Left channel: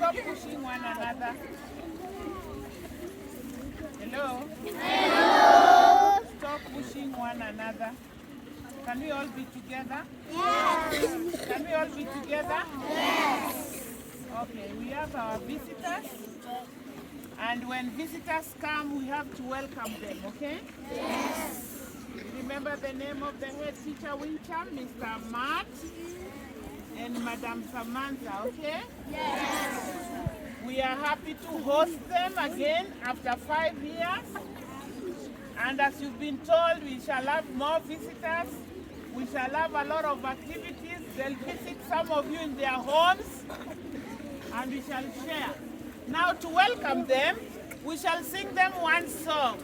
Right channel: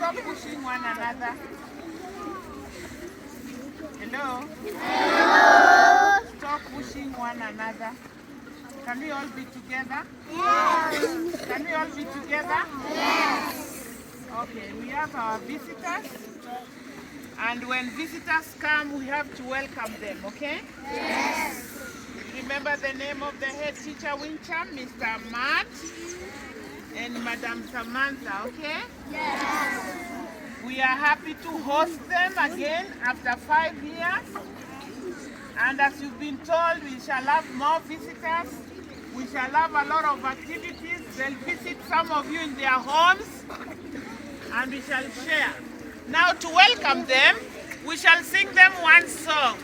stop pushing one another. Hello? Stop pushing one another. Can we all be together? Yes. Can we all be together? Yes. Okay, we have our visitors. And when visitors come, we have to welcome them, okay? Yes. Remember the name of the head teacher, Wincham, Mr. Matt and Madam Samantha, okay? Yes. We are happy to host them again after 5 years. And as you've been told, we shall have more visitors. We shall have a lot of activities. They'll visit some of you in their homes. And we shall share. Now to welcome them, we shall sing them one song.